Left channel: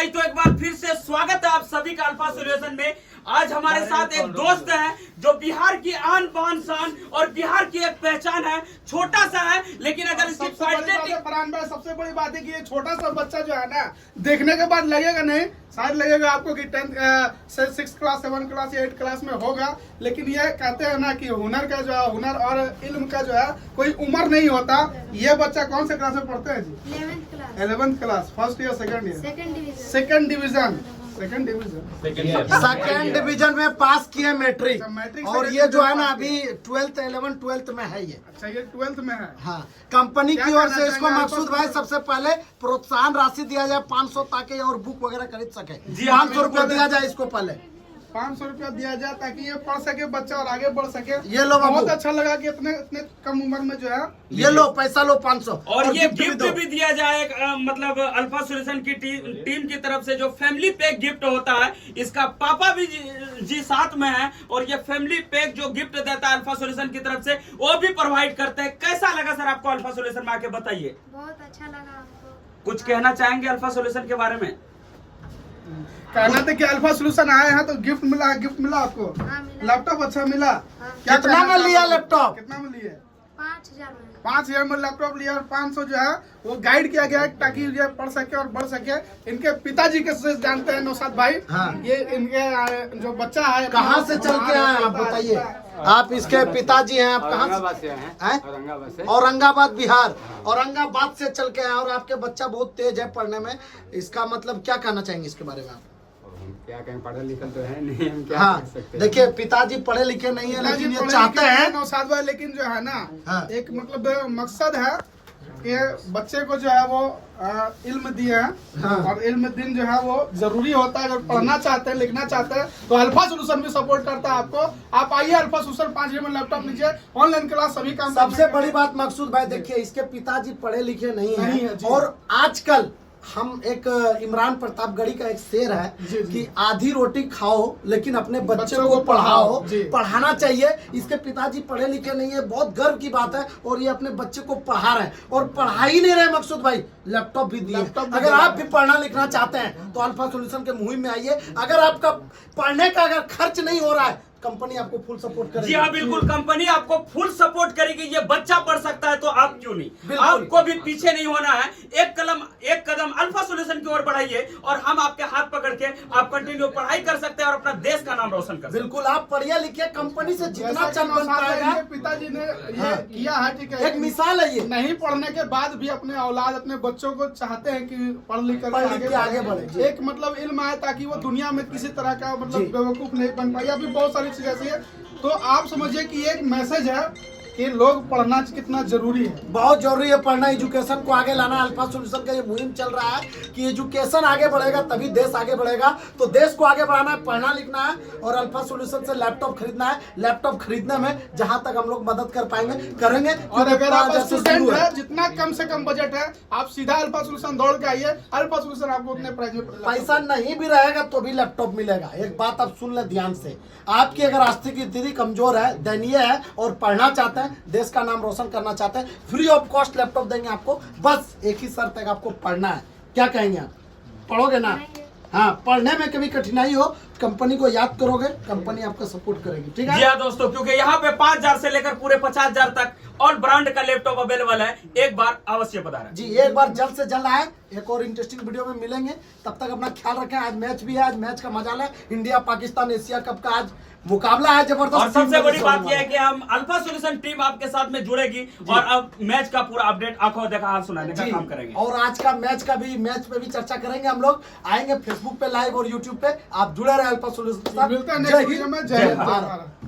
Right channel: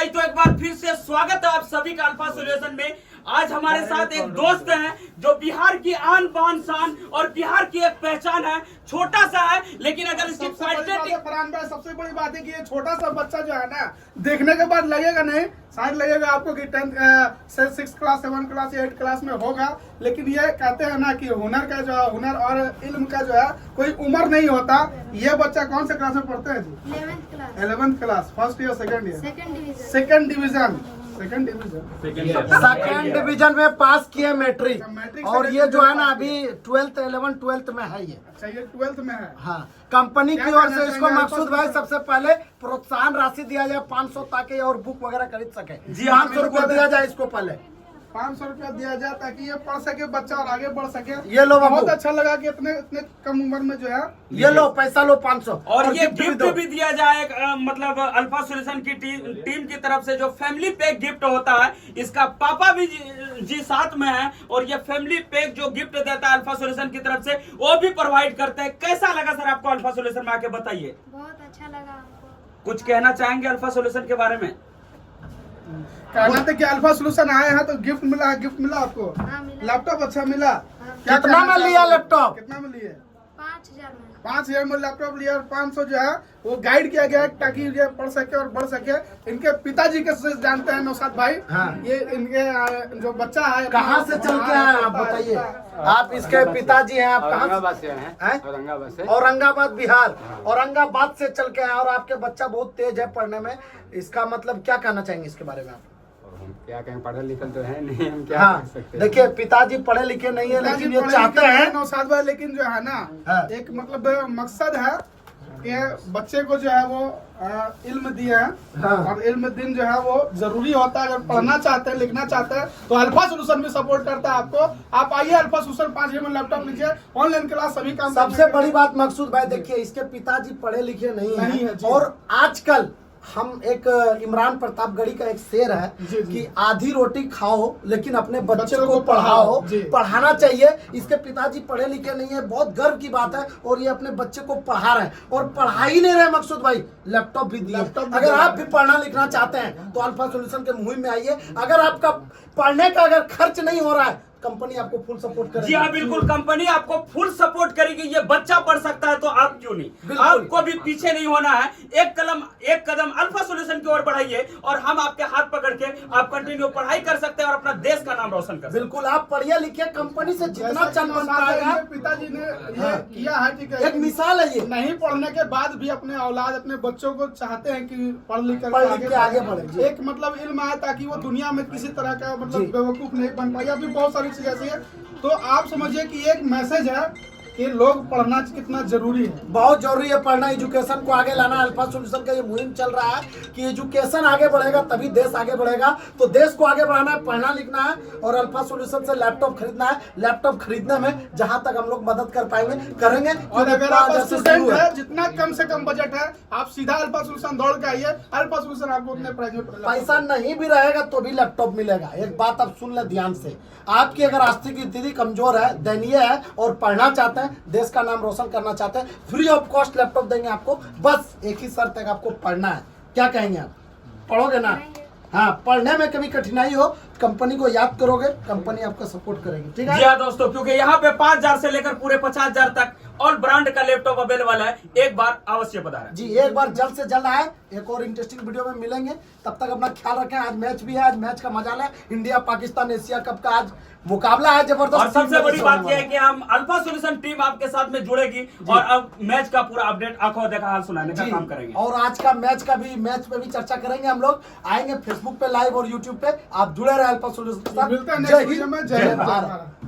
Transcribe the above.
Guys, तो एक बार फिर से स्वागत है आप सभी का अल्फा सॉल्यूशन में। आज हमारे साथ एक दोस्त है जो बिहार की आन बान शान और बिहार की एक पहचान है। छोटा सा है लेकिन अगर इसकी फरहान भाई, सबसे बड़ी बात है कि ये छोटा सा बच्चा जो है ना, देखने के बाद लगेगा नहीं, शायद लगेगा आपको कि 6 क्लास 7 क्लास 8 क्लास में होगा। लेकिन ये कहते हैं ना कि हुनर का जो है, हुनर और इल्म का जो है कोई उम्र नहीं होता। ये बच्चा कौन से क्लास में पढ़ते हैं जी? 11th class, first year, second division second division में पास किया मैट्रिक। और ये जो है ना अभी 12th में है ये। अच्छा, ये 12th में है। हाँ, कंपनी की ओर से इसको मकसूद भाई सबसे पहले प्रोत्साहन राशि दिया जाए 500, ताकि और बुक वगैरह खरीद सके। 500 रुपया दिया जाए इसको पहले, 500 रुपया दिया जाए ताकि ये पढ़ सके बच्चा और आगे बढ़ सके। ये लो बाबू, बहुत अच्छा लगा कि इतने कम उम्र में जो है ये लो पैसा लो 500 और ये गिफ्ट भी दिया जाए। मतलब अल्फा सॉल्यूशन की टीम की तरफ से जो फैमिली पैक गिफ्ट होता है, इसका पापा भी जी साथ में है और ये फैमिली पैक जो गिफ्ट देता है अल्फा सॉल्यूशन की तरफ से, वो भी प्रोवाइड करते हैं। कैसा लगा सर आपको अल्फा सॉल्यूशन में आके, बताइए। बहुत अच्छा लगा हमको। कुछ कहना चाहेंगे अल्फा सॉल्यूशन के बारे में? कहना था कि अल्फा सॉल्यूशन आए हैं तो गिफ्ट मिला आपको। हाँ, मिला। लैपटॉप अच्छा मिला। हाँ। कितना में लिया लैपटॉप? कितना में लिए? 5000 में। 5000 में लैपटॉप लिया और 500 जो है वो गाइड किया गया है ताकि ये पढ़ सके और बढ़ सके। इनके पिताजी के से जानते हैं नौशाद भाई। हाँ। ये इनके जो बच्चा है कहाँ से चल के आए आप बताइए? आप इसके पिताजी हैं, आप कहाँ से हैं? औरंगाबाद बिहार। औरंगाबाद से चल के आए और आपके बच्चा बहुत तेज है पढ़ने में। इसका मतलब क्या कहना चाहेंगे इसके बारे में आप? हम क्या कहें, पढ़े लिखे तो है नहीं, हम क्या हाँ, कर सकते हैं। देखिए पिताजी पढ़े लिखे नहीं है लेकिन ये चाहते हैं नौशाद भाई, लेकिन जो है ना हाँ। एक मतलब मकसद है कि बच्चे को जो है वो इल्म दिए हैं। हाँ। और इल्म दिन जो है वो जरूरी होता है। अगर पढ़ना चाहते हैं, लिखना चाहते हैं तो अल्फा सॉल्यूशन भी सपोर्ट करता है आपको। आप आइए अल्फा सॉल्यूशन, 5000 में लैपटॉप लीजिए, ऑनलाइन क्लास सभी काम। सबसे बड़ी बात मकसूद भाई, देखिए इसके पिताजी पढ़े लिखे नहीं है और आजकल हम एक इमरान प्रतापगढ़ी का एक शेर है कि आधी रोटी खाओ लेकिन अपने बच्चे को पढ़ाओ। पढ़ाना चाहिए। इसके पिताजी पढ़े लिखे नहीं है, बहुत गर्व की बात है। और ये अपने बच्चे को पढ़ा रहे हैं और पढ़ा ही नहीं रहे मकसूद भाई, लैपटॉप भी दिए। अगर आप भी पढ़ना लिखना चाहते हैं तो अल्फा सॉल्यूशन के मुहिम में आइए। अगर आपका पढ़ने का अगर खर्च नहीं हो रहा है, कंपनी आपको फुल सपोर्ट करेगी। जी हाँ, बिल्कुल, कंपनी आपको फुल सपोर्ट करेगी। ये बच्चा पढ़ सकता है तो आप क्यों नहीं? आपको भी पीछे नहीं होना है। एक कदम अल्फा सॉल्यूशन की ओर बढ़ाइए और हम आपके हाथ पकड़ के आप कंटिन्यू पढ़ाई कर सकते हैं और अपना देश का नाम रोशन कर सकते हैं। बिल्कुल, आप पढ़िए लिखिए, कंपनी से जितना चल बन पाएगा। पिताजी ने ये किया है, ठीक है, एक मिसाल है ये। नहीं पढ़ने के बाद भी अपने औलाद, अपने बच्चों को चाहते हैं कि पढ़ लिख के आगे बढ़े। एक मतलब इल्म आए ताकि वो दुनिया में किसी तरह का मतलब बेवकूफ नहीं बन पाए। अभी बहुत सारी चीजें ऐसी है। तो आप समझिए कि एक मैसेज है कि लोग पढ़ना कितना जरूरी है। बहुत जरूरी है पढ़ना, एजुकेशन को आगे लाना। अल्फा सॉल्यूशन का ये मुहिम चल रहा है कि एजुकेशन आगे बढ़ेगा तभी देश आगे बढ़ेगा। तो देश को आगे बढ़ाना है, पढ़ना लिखना है और अल्फा सॉल्यूशन से लैपटॉप खरीदना है। लैपटॉप खरीदने में जहां तक हम लोग मदद कर पाएंगे करेंगे। और अगर आप स्टूडेंट है, जितना कम से कम बजट है, आप सीधा अल्फा सॉल्यूशन दौड़ के आइए। अल्फा सॉल्यूशन आपको उतने प्राइस में पैसा नहीं भी रहेगा तो भी लैपटॉप मिलेगा। एक बात आप सुन ले ध्यान से, आपकी अगर आर्थिक स्थिति कमजोर है, दयनीय है और पढ़ना चाहते हैं, देश का नाम रोशन करना चाहते हैं, फ्री ऑफ कॉस्ट लैपटॉप देंगे आपको। बस एक ही शर्त है, आपको पढ़ना है। क्या कहेंगे आप? पढ़ोगे ना? हाँ, पढ़ने में कभी कठिनाई हो, कंपनी को याद करोगे, कंपनी आपका सपोर्ट करेगी। ठीक है जी हाँ दोस्तों, क्योंकि यहाँ पे 5000 से लेकर पूरे 50000 तक ऑल ब्रांड का लैपटॉप अवेलेबल है। एक बार अवश्य पधारें। जी, एक बार जल्द से जल्द आए। एक और इंटरेस्टिंग वीडियो में मिलेंगे, तब तक अपना ख्याल रखें। आज मैच भी है, आज मैच का मजा लें। इंडिया पाकिस्तान एशिया कप का आज मुकाबला है जबरदस्त। और सबसे बड़ी बात यह है कि हम अल्फा सॉल्यूशन टीम आपके साथ में जुड़ेगी और अब मैच का पूरा अपडेट आंखों देखा हाल सुनाने का काम करेंगे। और आज का मैच पे भी चर्चा करेंगे। हम लोग आएंगे फेसबुक पे लाइव और यूट्यूब पे। आप जुड़े रहे अल्फा सॉल्यूशन के साथ। मिलता है नेक्स्ट वीडियो में। जय भारत।